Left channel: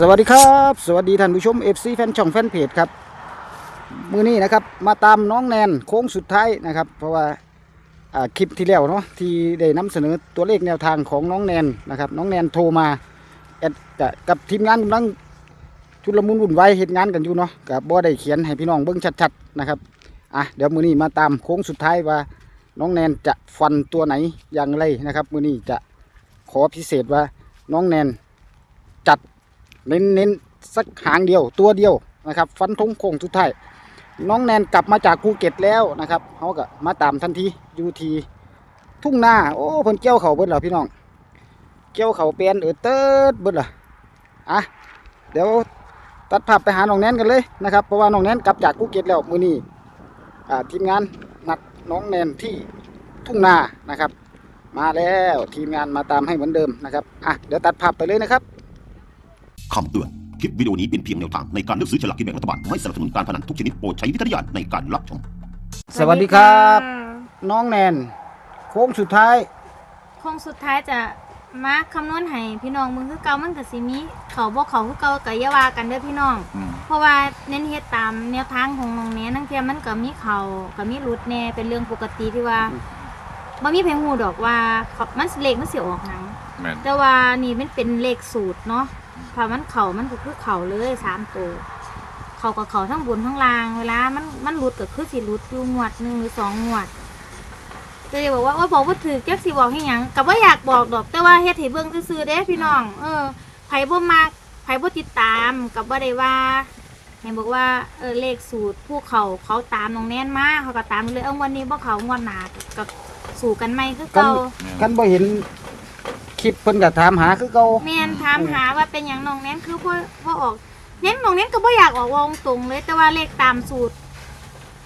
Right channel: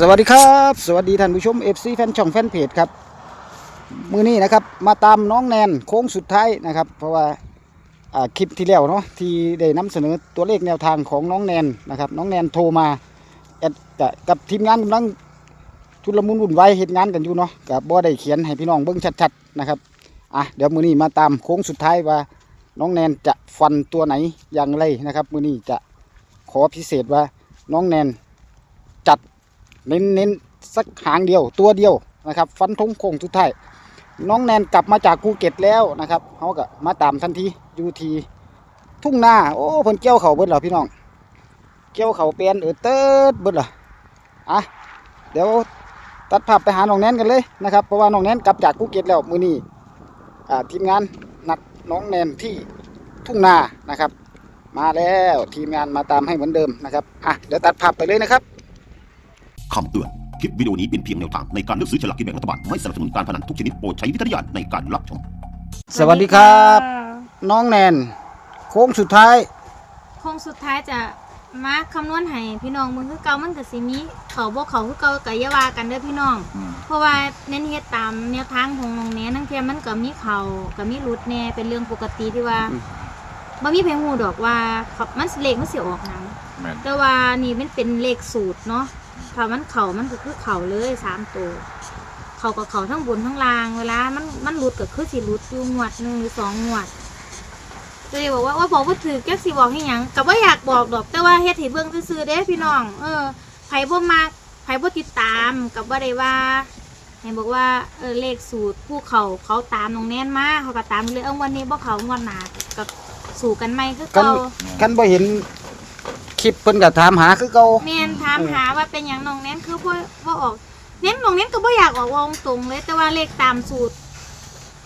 สวัสดีครับ สวัสดีท่านผู้ชม FC แฟนช่องแฟนเพจครับ มือนี้นะครับ มาตามน้องแนนโค้งสุดท้ายนะครับ เพราะว่าคลิปที่แล้วเนาะที่ได้นำเสนอตัวเลขแนวทางของน้องแนนนะครับ น้องแนนโทรมาแอดกับทีมงานกำลังชุลมุนวุ่นวายเหตุงานกันอยู่เนาะกับบ่ได้เขียนให้พี่น้องเบิ่งชัดๆนะครับอะเดี๋ยวมือนี้มาตามโค้งสุดท้ายว่า น้องแนนจะฟันตัวไหนอย่างไรนะครับ มือนี้จะขอพิเศษว่าน้องแนนจัด เน้นเน้นสักหางเดียวตัวเดียวนะครับ ฟันธงโค้งทุกท้ายน้องแนนกลับมาจากภูเก็ตแล้วนะครับเขาก็มาตามทันทีอยู่ทีทุ่งนาโอ้เพิ่นเกี่ยวเขาเบิดแล้วพี่น้อง เกี่ยวเขาเปลี่ยนเออเติร์ดเบิดล่ะอะเดี๋ยวตัดภาพไปหาน้องแนนกันเลยนะครับเพราะว่าน้องแนนกลับจากภูเก็ตแล้วมือนี้อ่าทีมงานนัดน้องแนนที่ทุ่งนานะครับ มาแล้วทีมงานมาตามให้เหมือนเดิมนะครับอะเดี๋ยวตัดภาพไปเลยนะครับ คำเตือน คลิปวิดีโอนี้เป็นเพียงแนวทางในการเลือกซื้อฉลากกินแบ่งรัฐบาล ไม่สนับสนุนการพนันทุกชนิดโปรดใช้วิจารณญาณในการรับชม สวัสดีครับ น้องแนน โค้งสุดท้าย โคงสุดท้ายจะมาคำนวณให้พี่น้องมึงคือเก่ามันก็สิมีเขาบ่เขาคือเก่าก็อย่าว่ากันเด้อพี่น้อง เพราะว่าเน้นเฮ็ดตามแนวทางของน้องแหน่นั่งเทียมันก็มีเขาก็มีหลุดแน่เป็นเรื่องปกติที่ว่าอืมบ่มีเพลงฮู้ดอกว่าเขามันเลขมันสิออกหนังแม่นแต่ว่านี่มันเป็นเลขสูตรเนาะ ถ้ามันเข่ามันก็คือเข่าเลยสามตัวเข่ากับเข่าทั้งบนทั้งล่าง เวลา มันมันหลุดก็คือสิหลุดอยู่งวดหนึ่งหรือสองงวดก็เลยบอกว่าว่าบอกว่าถือแก๊กสิบอกให้หยังกับว่าอยากบอกดอก แต่ว่าเฮ็ดให้เบิ่งซื่อๆเด้พี่น้อง เออไผบ่มักไผบ่ติดตามกับว่าได้ว่าให้บอกว่าเออเลขสูตรผู้เขาเขาตามน้องแน่นมากเขาก็ตามเลยเออวันนี้บ่เขางวดหนาก็สู่กันใหมคือเก่า กันบ่เห็น ลิปเพิ่นก็ถามหาคือเก่าแม่นถามหาว่าเป็นอย่างน้องแน้นคือพ่อพ่อออก เน้นน้องแน้นก็บ่อยากออกวงตรงเลย แต่ว่าเลขตามสูตร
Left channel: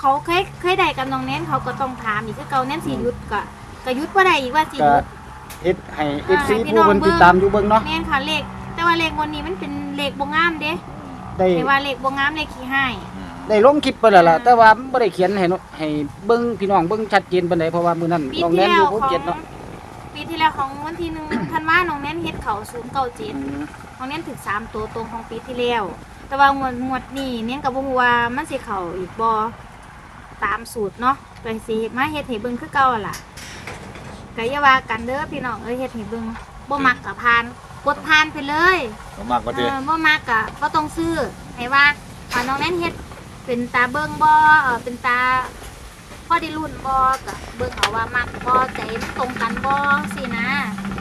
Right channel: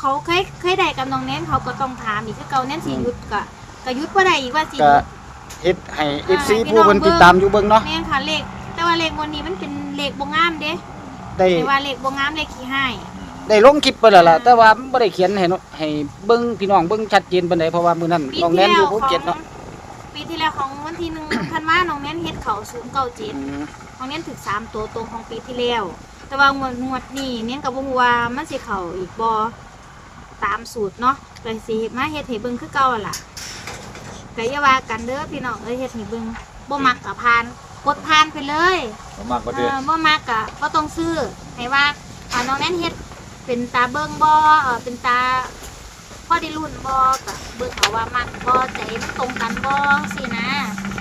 เขาเคยเคยได้กับน้องแน้นเขาก็ต้องถามอีกคือเก่าแน้นสิหยุดก็ก็หยุดบ่ได้อีกว่าสิหก็ยุดเฮ็ดให้อ่า FC ให้พี่ผู้น้องเพิ่นเบิ่ติงดตามอยู่เบิ่งเนาะแม่นค่ะเลข แต่ว่าเลขวันนี้มันเป็นเลขบ่งามเด้ได้แต่ว่าเลขบ่งามเลขขี้ให้ ได้ลงคลิปไปแล้วล่ะแต่ว่ามันบ่ได้เขียนให้เนาะให้เบิ่งพี่น้องเบิ่งชัดเจนปานใดเพราะว่ามื้อนั้นปีน้องที่แนนแล้อยู่วภูของเก็ตเนาะ ปีที่แล้วของวันที่หนึ่ง ธันวาน้องแน้นเฮ็ดเขา097อืมของเน้นถึกสามตัวตรงของปีที่แล้ว แต่ว่างวดงวดนี้เน้นกับบ่ฮู้ว่ามันสิเข้าอีกบ่ตามสูตรเนาะก็สิมาเฮ็ดให้เบิ่งคือเก่าหั่นล่ะก็อย่าว่ากันเด้อพี่น้องเอ้ยเฮ็ดให้เบิ่งบ่มักก็ผ่านกดผ่านไปเลย ผมมากกว่าเอเดิมอบ่มักก็บ่ต้องซื้อให้ว่าอ่าน้องแน่นเฮ็ดเป็นตาเบิ่งบ่เออเป็นตา พอได้รุ่นบ่ก็เบิ่งเอาว่ามักบ่ใจมันตรงกันบ่สินะ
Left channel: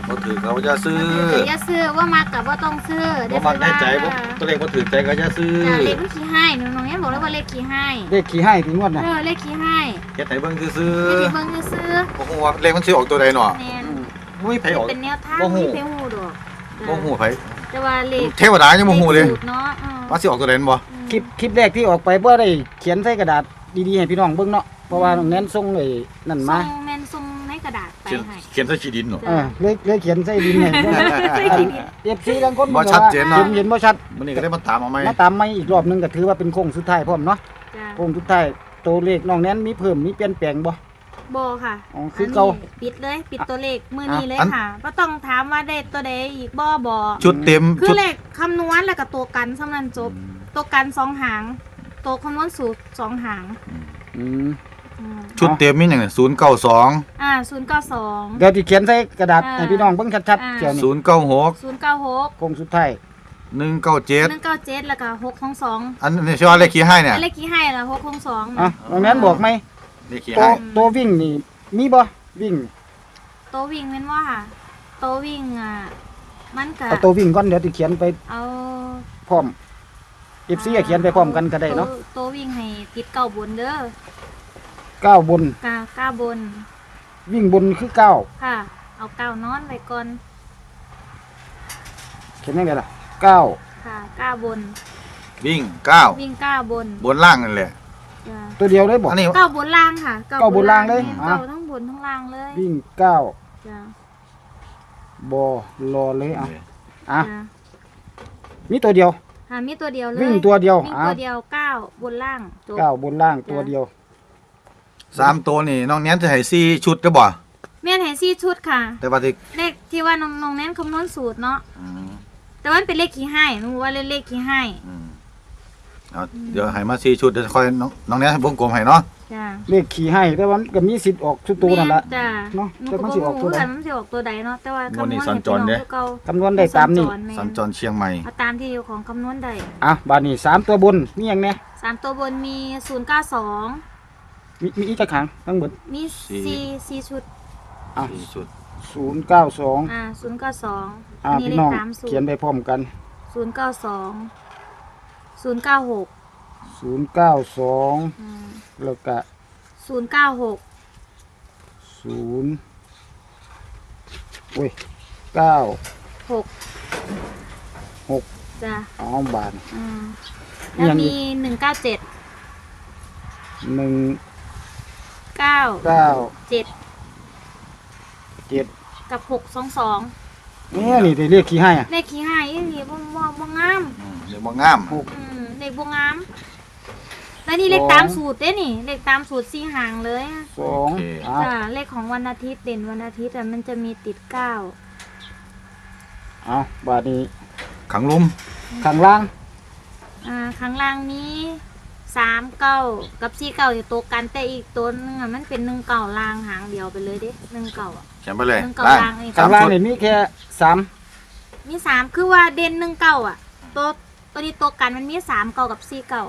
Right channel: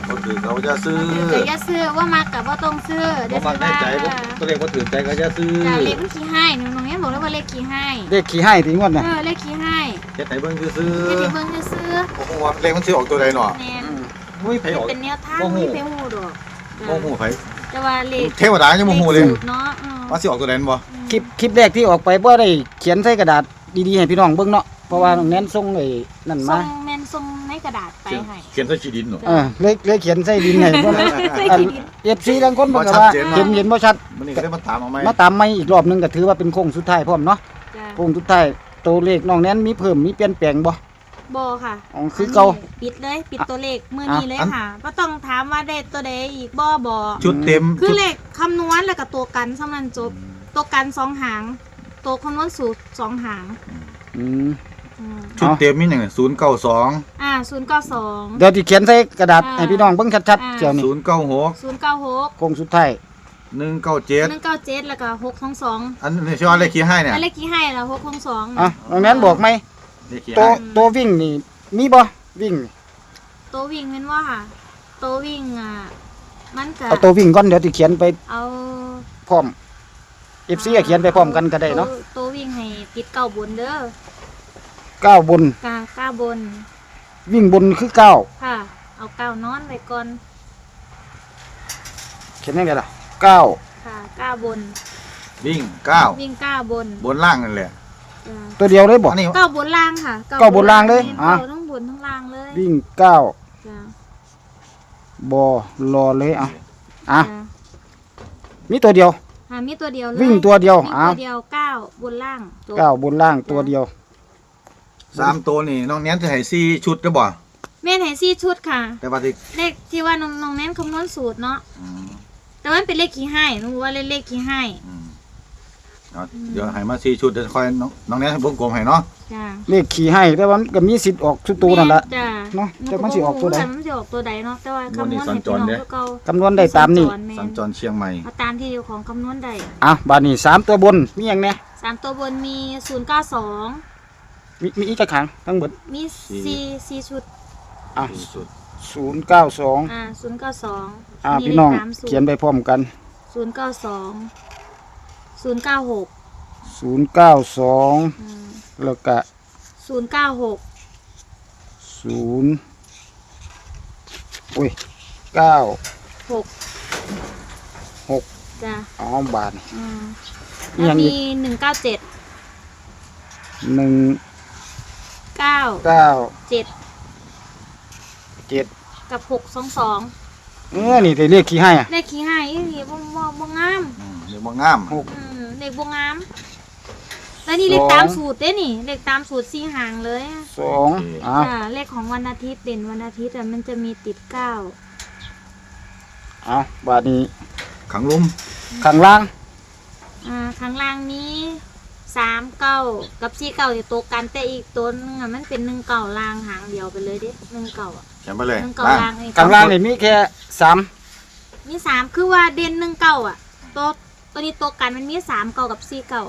ก็ถือเขาจะซื้อบ่ถือก็อย่าซื้อว่ามักก็บ่ต้องซื้อบ่เดี๋ยวฟัสิงแน่ว่าใจบ่ตัวเลขก็ถือใจก็จะซื้อจ้าเลขมันขี้ให้หนูน้องยังบอกเลยว่าเลขขี้ให้เลขขี้ให้ถึงงวดน่ะเออเลขขี้ให้เฮ็ดให้เบิ่งซื้อเฮ็ดให้เบิ่งซื่อโอ้โหเลขมันสิออกตัวใดเนาะๆแม่นอืมมุ้ยไผออก เป็นแนวทางบ่ฮู้ มีเพลงฮู้ดอกจ้ะบ่ฮู้ไผแต่ว่าเลขเทวดายังบ่ฮู้เลยสูตรเนาะอืมว่าสิออกตัวใดบ่ คลิปคลิปแรกที่ออกไปบ่ได้เขียนใส่กระดาษดีๆให้พี่น้องเบิ่งเนาะ เพราะว่าน้องแนนส่งไอ้นั่นส่มางแม่นส่งในกระดาษไปเขียนให้เขียนใส่ขี้ดินเนาะเออเลยเลยเขียนใส่ดินให้ใส่ขี้ดิน เอฟซีบางคนบ่เพิ่นก็ชัดว่าเจนเห็นเนาะเห็นบ่ชัดมันนี่ก็ได้มาตามเอาไหมมาตามไม่อีกรอบหนึงก็ถือว่าเป็นโค้งสุดท้ายพร้อมเนาะจ้ะโค้งสุดท้ายตัวเลขน้องแนนมีเพิ่มมีเปลี่ยนแปลงบ่บ่ค่ะอ๋อคือเก่านนี้ปิดเลย ปิดตัวเลขมื้อนี้เลยค่ะบ่ต้องถามว่าได้ตัวใดอีกบ่บ่ชุดเต็มคือชุดเลขคำนวณแล้วก็ตัวกันสำนันจบ ตัวกันสองหาง ตัวคำนวณสูตรสองหาง อืมอืม ชุดเต็มมีหยังน่ะ092อ่าศูนย์เก้าสอง เดี๋ยวที่เขียนใส่กระดาษอ่าให้พี่น้องเบิ่งชัดๆอ่าเกี่ยวนี่096ศูนย์เก้าหกโค้งสุดท้ายหนึ่ง197เก้าเจ็ดแล้วก็หกท้องสองอันนี้ชื่อว่าเลขขี้ให้เนี่ยอันเลขกี่ให้ละหกท้องสองอะน้องแนนบอกไหมเลขขี้ตัวให้ตัววิ่งนี่มีบ่วิ่งตัววิ่งแม่นว่าค่ะตัววิ่งอะมันก็เอาตัววิ่งก่อนเดี๋ยวที่เขียนไปเอาพร้อม FC ก็เขียนไปพร้อมกันก็ได้เนาะตัวตัววิ่งให้ติดเก้าบนเด้อ ก้าวบน กาก้าบน วิ่งบนคือเก้าค่ะ เอาเก้านอนไว้ก่อน เขียนยังไงล่ะเก้าค่ะก้าบน วิ่งวิ่งก้าบน9บนล่างนั่นแหละจ้ะตัวเดียวเลยบ่อันนี้เก้าบนล่างค่ะเก้าบนล่างเลยแม่นอะ เก้าทั้งบนทั้งล่างเลยวิ่งเก้าจ้ะบอรอเลยอะอะจ้ะมีตัวเดียว หามีตัวเดียวเลยวิ่งตัวเดียววิ่งอะตัวเดียวเก้าบนล่างจบ เก้าบนล่างตัวเดียว สามตัวนี่น้องแนนจะให้4ชุดก็บ่แม่นให้ซี่ชุดค่ะ แต่ว่าที่เลขที่ว่าน้องน้องแน้นคำนวณสูตรเนาะอืมแตแต่ว่ามันเป็นเลขขี้ให้หนูว่าเลขเลขขี้ให้อืมเอาเดี๋ยวให้มาสี่ชุดเดี๋ยวค่อยน้องน้องแนนวงกลมให้เนาะจ้าเลขขี่ให้แต่ว่ามันก็มีสิทธิ์ออกทุกตัวนั่นละแม่จ้าเนาะหนูแต่ก็มันบ่สิออกตัวใดรู้ว่ามันสิออกตัวใดเนาะแต่ว่าคำนวณให้พี่น้องคือเก่าคำนวณได้ตามนี้สัญจรแม่สัญจรเชียงใหม่เอาตามที่อยู่ของคำนวณได้อะบาดนี้สามตัวบนมีหยังแน่สามตัวบนมีศูนย์เก้าสอง มีมีอีกจักขังทั้งหมดมีสี่สี่ชุด อะสี่ชุดศูนย์เก้าสองอ่าศูนย์เก้าสองอะนี่พี่เลน้ของตามสูตเขียนรไปพร้อมกันศูนย์เก้าสองศูนย์เก้าหกศูนย์เก้าสองอืมแล้วก็ศูนย์เก้าหกศูนย์อุ้ยเก้าหกหกจ้ะอ๋อบาทอืมมีแล้วหยังอีมีกหนึ่งเก้าเจ็ดหนึ่ง เก้าเก้าเจ็ดเจ็ดกับหกสองสองเนี่ยนี่แต่เลขขี่ให้อะเลขขี้ให้อีหลีบ่บ่บ่งามอืมเดี๋ยวมองงามหกอืมเลขบ่งาม แล้วนี่เลขสองตามสูตรเด้นี่ เลขตามสูตรสี่หางเลยอะสองอะจ้ะเลขของวันอาทิตย์เด่นวันอาทิตย์อะมันจะมีติดเก้าอะบาทนี้ขังลุมข้างล่างอ่าข้างล่างนี้ สามเก้ากับสี่เก้าจะตัวกันแต่อีกตัวนึงอะมันเป็นหนึ่งเก้าลางหางเดียวไปเลยเด้หนึ่งเก้าอะเขียนไปเลยหนึ่งเก้าล่าลางงนี่ข้างล่างนี่มีแค่สามมีสามคือว่าเด่นหนึ่งเก้าอะ ตัวตัวนี้ตัวกันมันมีสามเก้ากับสี่เก้า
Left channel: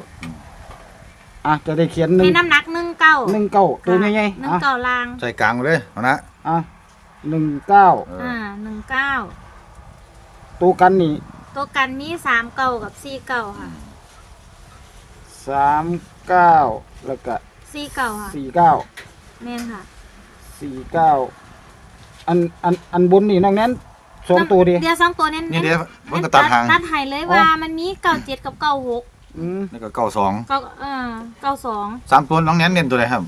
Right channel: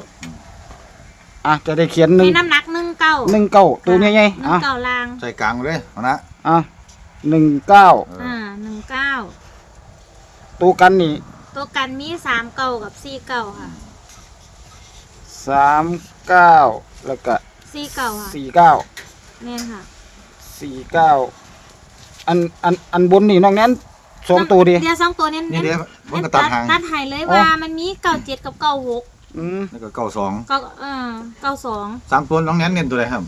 อะจะได้เขียนหนึ่ในงน้ำหนักหนึ่งเก้าหนึ่งเก้าตัวใหญ่ๆหนึ่งอะเก้าลางใจกลางเลยเอานะอะหนึ่งเก้าเอออ่าหนึ่งเก้าตัวกันนี่ตัวกันมีสามเก้ากับสี่เก้าค่ะ สามเก้าแล้วก็สี่เก้าค่ะสี่เก้าแม่นค่ะสี่เก้าอันอันอันบนนี่น้องแนั้นสองตัวดิ เดียวสองตัวเน้นนี่เน้นเดี๋ยวมันก็ตัดหางตัดใหายเลยว่ามันมีเก้าเจ็ดกับเก้าหกอืมแล้วก็เก้าสองเก้าเออเก้าสองสามตัวน้องแนนเน้นตัวไหนครับ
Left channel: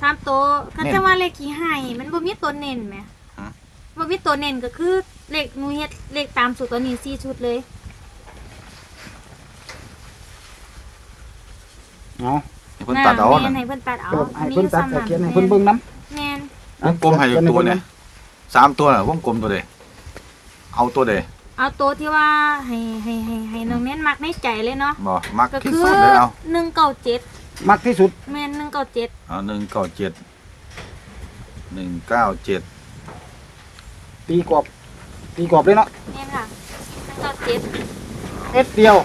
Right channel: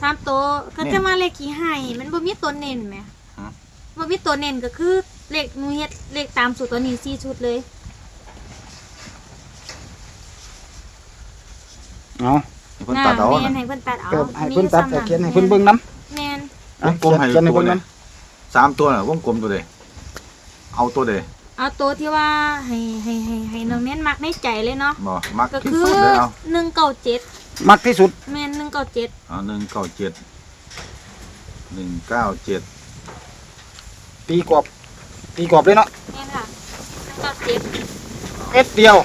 สามตัวก็เน้นจะว่าเลขขี้ให้มันบ่มีตัวเน้นไหมฮะ บ่มีตัวเน้นก็คือเลขหนูเฮ็ดเลขตามสูตรตัวนี้สี่ชุดเลย เอาให้เพิ่นน่าตัดเอาแม่นให้เพิ่นตัดเอาเดี๋ยวอัให้นนี้เพิ่นอยู่ตัดซ้ำแต่นั้นเขียนให้เพิ่นเบิ่งน้แม่นำวงกลมให้เขียนให้ตัวเบิ่งไหนน้สามตัวน่ะวงกลมตัวใดเอาตัวใดเอาตัวที่ว่าให้ให้ให้ให้น้องเน้นมักในใจเลยเนาะบ่มักก็ที่คือสุดเลยเอาหนึ่งเก้าเจ็ดำมักที่สุดแม่นหนึ่งเก้าเจ็ดเอาหนึ่งเก้าเจ็ดหนึ่งเก้าเจ็ดตีกรอบตีกรอบเลยเนาะแม่นค่ะหนึ่งเก้าเจ็ดเอ็ดเดียว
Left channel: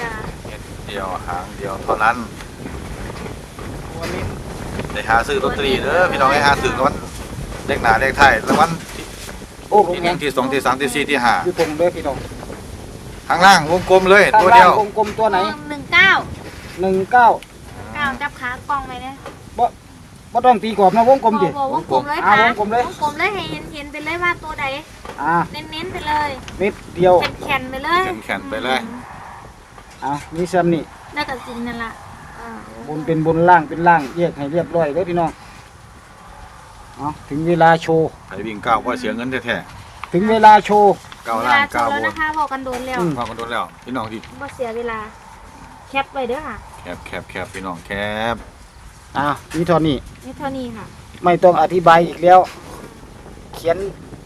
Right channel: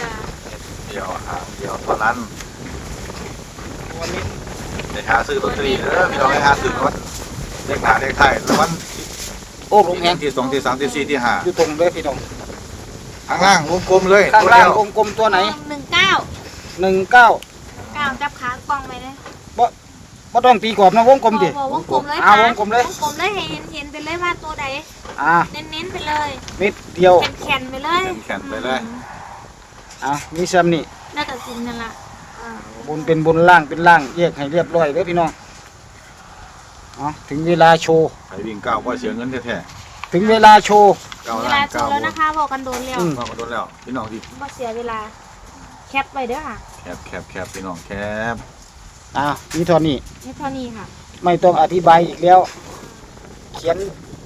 จะเดียวหางเดียวเท่านั้น ได้หาซื้อลอตเตอรี่เด้อพี่น้องได้หาซื้อก่อนเลขหน้าเลขท้ายแล้ววันโอ้ลงที่หแหนึ่งงที่สองที่สามที่สี่ที่ห้าอยู่ตรงเด้อพี่น้องข้างล่างวงกลมเลยข้างตัวล่าเดีงยววงกลมตัวไหนหนึ่งเก้าหนึ่งเก้าเก้าจับขากล้องไว้เลยบ่บ่ต้องตีกรอบนะวงกลมดิโอ้โหวงกลมเลยอ่าค่ะวงกลมเลย วงกลมเลยให้เห็นเห็นไปเลยว่าตัวใดอ่าเน้นเน้นๆไปเลยเม็ดเดียวแข็งแข็งๆไปเลยแข็งๆไปเลย อืมอะมีซ้ำนี่แล้วก็สินนั่นล่ะอ่า บนเป็นบนล่างเป็นล่างแยกให้เรียบร้อยเด้อพี่น้องอะถึงเวลาโชว์ไอ้วิ่งก้าวก็เสียเงินแท้ถึงเวลาโชว์ๆก้าวเวล่าลางโชก้าวว์แล้วนะคะบอกกันโดนแล้วอืมก้าวก็โดนแล้วพี่น้องพี่บ่เสียเวลา แคปไว้เด้อค่ะแคบแคบแคบพี่น้องแคบอะนี่เท่านี้นี่เท่านี้ค่ะไม่ต้องอธิบายอีกแล้ว เขียน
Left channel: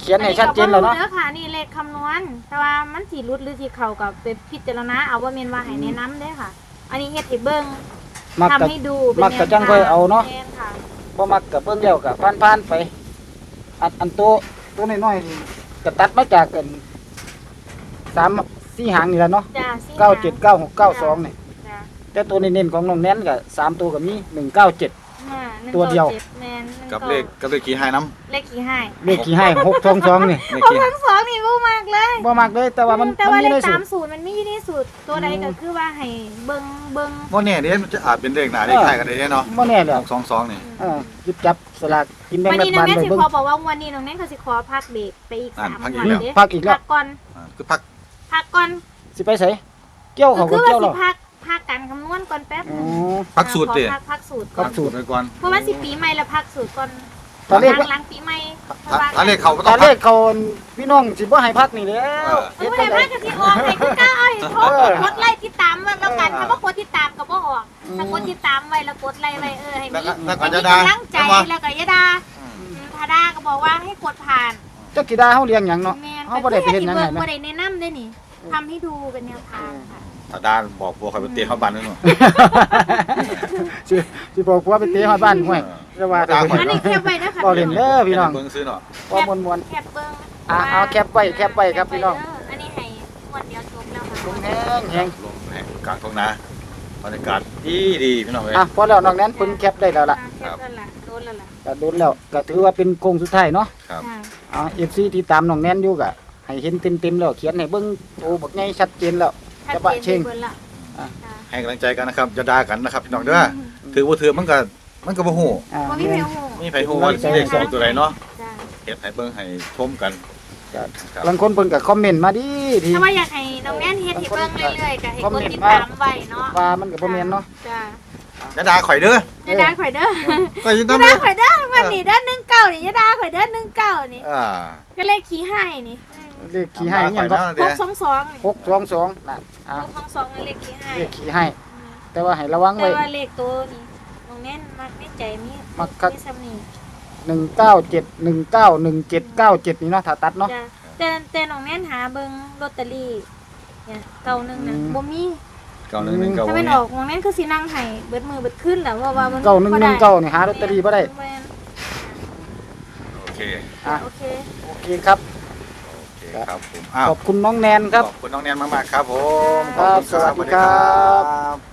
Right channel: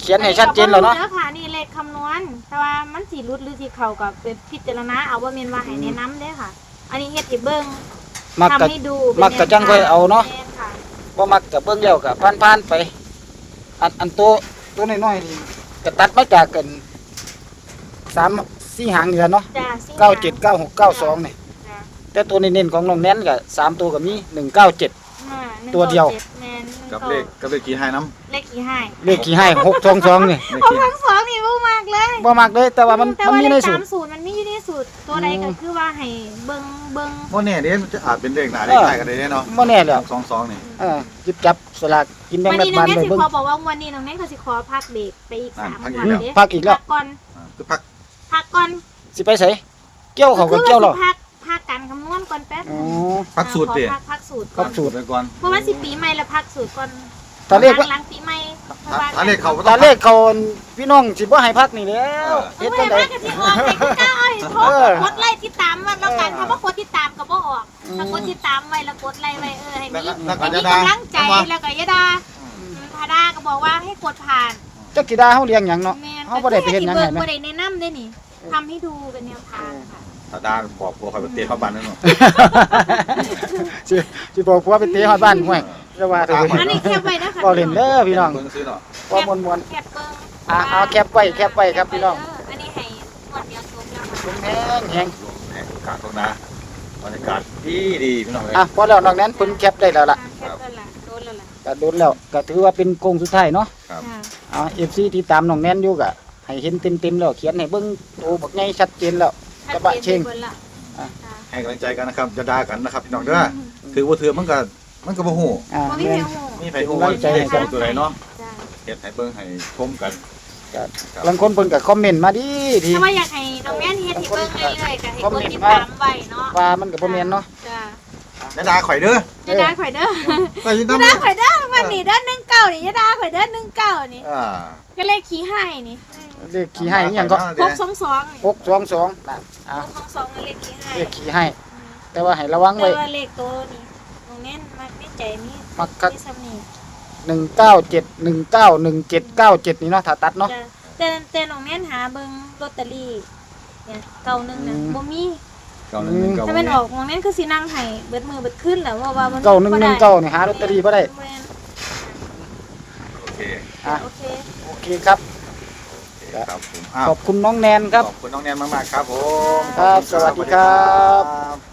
เขียนให้ชัดเจนแล้วอัเนาะก็บ่รู้ด้อค่ะนี่เลขคำนวณ แต่ว่ามันสิรุดหรือสิเข้ากับไปพิจารณาเอาว่าแม่นว่าให้แนะนำเด้อค่ะ อันนี้เฮ็ดให้เบิ่ง มักทำกะให้ดูเป็นมักกะจังค่อยเอาเนาะแม่ค่ะบ่มักกะเบิ่งเดียวกะผ่านๆไป อันอันตัวตัวน้อยๆนี่ก็ตัดมาจากกันสามสี่หางนี่แหละเนาะจ้าสิเก้าเจ็ดเก้าหกเก้าสองนี่ จ้า แต่ตัวเน้นๆของน้องแน้นก็สามตัวก็มีหนึ่งเก้าเจ็ด มาหนึ่งตัวเดียว ก้าจ็แม่นหนึ่งกับก้าเลขกับเลขกี่ให้น้เลขกี่ให้เลขขี่ให้หกสองสองนี่ำเลขโอ้กี่ทั้งสองนี่รู้มากเลยบ่มักเลยแต่ว่ามันแต่มันว่ามีเลในขสูตาตมรสูตรมันมีอยู่ในสูตรตัวใดก็คือว่าให้เบิ่งเบิ่งว่าเนี่ยเดี๋ยวมันจะอาจเป็นเลขหน้าเลขท้ายก็ได้เนาะบ่แน่แล้วสองสองนี่เออหยิบจับสลากกินแบ่งวันรันี้ฐน้องบาลแน่ไปสิเบิ่ง ขอบอกว่าวันนี้น้องแน่ก็สิขอพักเบรกไปอีกสามวันอืมเด้พักอีกแล้ว พักก่อนอ่าคือพักพักก่อนสิไปไสเกี่ยวเขาคืก็อเกี่ยวว่าหรสิอพัก พักการคำนวณก่อนแป๊บอ๋นึองพักสูตรขอดิพักพักสูตรพัก่อกนสูตร ไปก่อนเพราะว่าสิปีใหม่แล้วพักสูตรก่อนตอนแรกหลัว่างหลังปีใหม่เพราะว่าอันเลขเขาตอนแรกเขาพี่น้องสิบ่ให้พักนี่แล้วเออไม่ได้พักกันสิออกให้คือก้าเอาให้ทบเออกดไล่ติดตามว่าแล้วกันเออถ้าว่ากดติดตามก็บ่ออกอืม ถ้ากดติดตามไว้แล้วกดไล่ไว้เออให้มีแล้วก็ให้มีแล้วก็กำลังใจจะได้แล้วก็อยาดาอืมถ้าดาก็บอกว่าให้กดผ่าน จักกีดาเฮาเลี้ยงหยังเนาะแม่นเฮาบ่ได้ไปเฮ็ดหยังเบิ่ให้งนะบ่ได้แนะนำได้นี่เอทำให้ดูเป็นแนวทางค่ะ ถ้าดาบอกพวกเขาไปเตะเข้าบ้านนั่นเนาะสิสิบอกผัวไปเตะฮอดบ้านห่วยก็ว่าเถอะอันนี้แคบไว้นะคะบ่เล่นเด้อพี่น้องเบิ่งซื้อเนาะบ่มวนแคบเบิ้งอะเอาแคปไว้แคปไว้ครับพี่น้องอันนี้ให้งวดเดียวจบแล้วๆค่ะ ชุ่มแห้งแฮงการทงนาบรรยากาศดีดีพี่น้องเอ้ยอะพอแล้วนอกนั้นเพิ่นแคปได้แล้วล่ะแคบแล้วล่ะโดนแล้วล่ะก็โดนแล้วก็ถือว่าเป็นโค้งสุดท้ายเนาะ ครับค่ะอ่า FC ที่ตามน้องแนนอยู่ก็ให้เห็นเต็มๆแล้วเขียนให้เบิ่งโตบักใหญ่ชัดเจนแล้วชัด กระบะเจเชิงนไปหมดละอะค่ะให้กำลังใจกันนะครับจะด่ากันนะครับพี่น้องเด้อถือว่าถือมันก็มันก็บ่ฮู้อ่าบ่มีเพลงหูมีไผฮู้ว่าเลขสองตัวไหนเนาะจ้ะเฮ็ดให้เบิ่งให้ชมกันก็บางคนเพิ่นก็คอมเมนต์มาดีดี ถ้าว่าอยากให้น้องแม่นเฮ็ดให้เบิ่งเรื่อยๆก็ให้กดติดตามไว้เนาะว่ามันก็บ่แม่นเนาะจ้ะจะด่าข่อยเด้อจะได้ข่อยเด้อข่อยอยู่จะนำได้ข่อยเด้อวันนี้เด้อหนึ่งเก้านี่จะได้ข่อยเด้อหนึ่งเก้านี่อ่าก็เลขขี้ให้นี่ เลขขี้ให้อีหยังก็หกสองสองนี่622นั่นอ่าหกสองสองนั่นเลขขี้ให้เลขขี้ให้ แต่ว่าให้ระวังแต่ไว้ ว่าเลขตัวนี่น้องแน่นมักในใจมีมักคัก มีซ้ำนี่197 191797นี่เนาะถ้าตัดเนาะ จ้ะแต่แต่น้องแน่นหาเบิ่งลอตเตอรี่เนี่ยเก่าหนึ่งนะอืม บ่มีเก้าหนึ่งหนึ่งเก้าถ้าเป็นออกน้องแน่นคือสินั่งให้เบิดมือเบิดขึ้นแหละเพราะว่ามันเก้าหนึ่งหนึ่งเก้านี่หาลอตเตอรี่บ่ได้แม่นโอเค อะ โอเค โอเคครับโอเคครับผมอ้าวขอบคุณน้องแนนครับ ขอบคุณน้องแนนมากๆครับผมครับสวัสดีครับครับ